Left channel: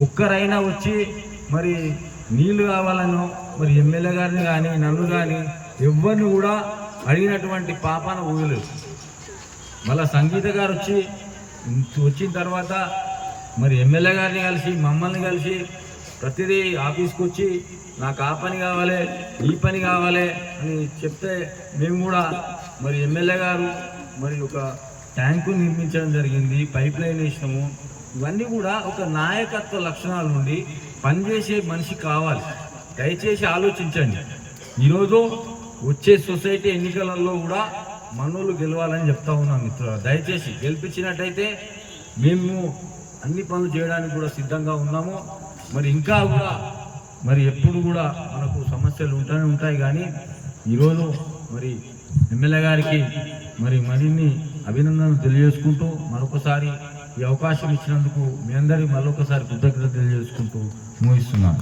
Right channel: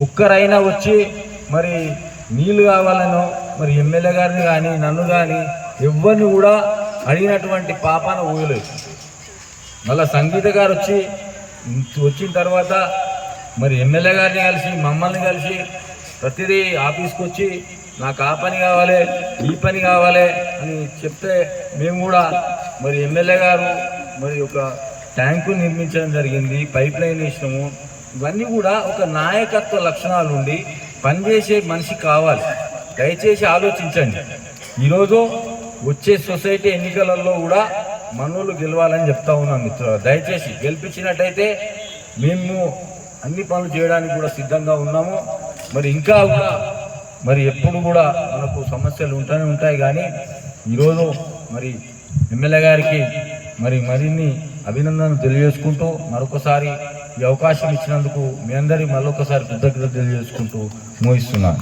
ఒక్కరైనా వచ్చి మరి నీళ్ళు కావాలనో మరి ఎమ్మెల్యే గారిని కానీ నన్ను కానీ ఎవరిని కూడా అడిగినటువంటి పాపాన ఊయలేదు. మళ్ళీ సంగీత గారు వచ్చి వచ్చిన తర్వాత మరి ఎమ్మెల్యే గారిని కలిసి మమ్మల్ని కలిసి ప్రతిదీ ఆఫీస్కి వచ్చి నాకు ఆ పని కావాలి ఈ పని కావాలి అని చెప్తే మేము కూడా మరి ఎమ్మెల్యే గారు మరి ఒక ట్యాంకు నిర్మించడం జరిగింది పైప్ లైన్ వేసినాము. ఇవన్నీ కూడా ఒక నాయకత్వ లక్షణాలు ఉండి పనిచేసే మనిషి కావాలి. దయచేసి ఆలోచించండి. ఈరోజు వచ్చే సొసైటీ ఎన్నికలలో కూడా మనోళ్ళు గెలవాలని చెప్తా ఉన్నాం మిత్రులు దయచేసి గెలిపించినట్టయితే మేము అన్ని పనులు చేయడానికి కూడా సిద్ధంగా ఉన్నాము. మరి ఇంకా కూడా మరి ఎప్పుడు కూడా మనకు సమస్యలు ఉంటూనే ఉంటాయి కానీ ఈరోజు మరి ఎమ్మెల్యే గారికి మరి మరిన్ని అభినందనలు తెలియజేసుకుంటూ మరొకసారి ఈ అవకాశం ఇచ్చినందుకు మీ అందరి మళ్ళొకసారి కృతజ్ఞత తెలియజేసుకుంటూ మోయిస్తున్నాను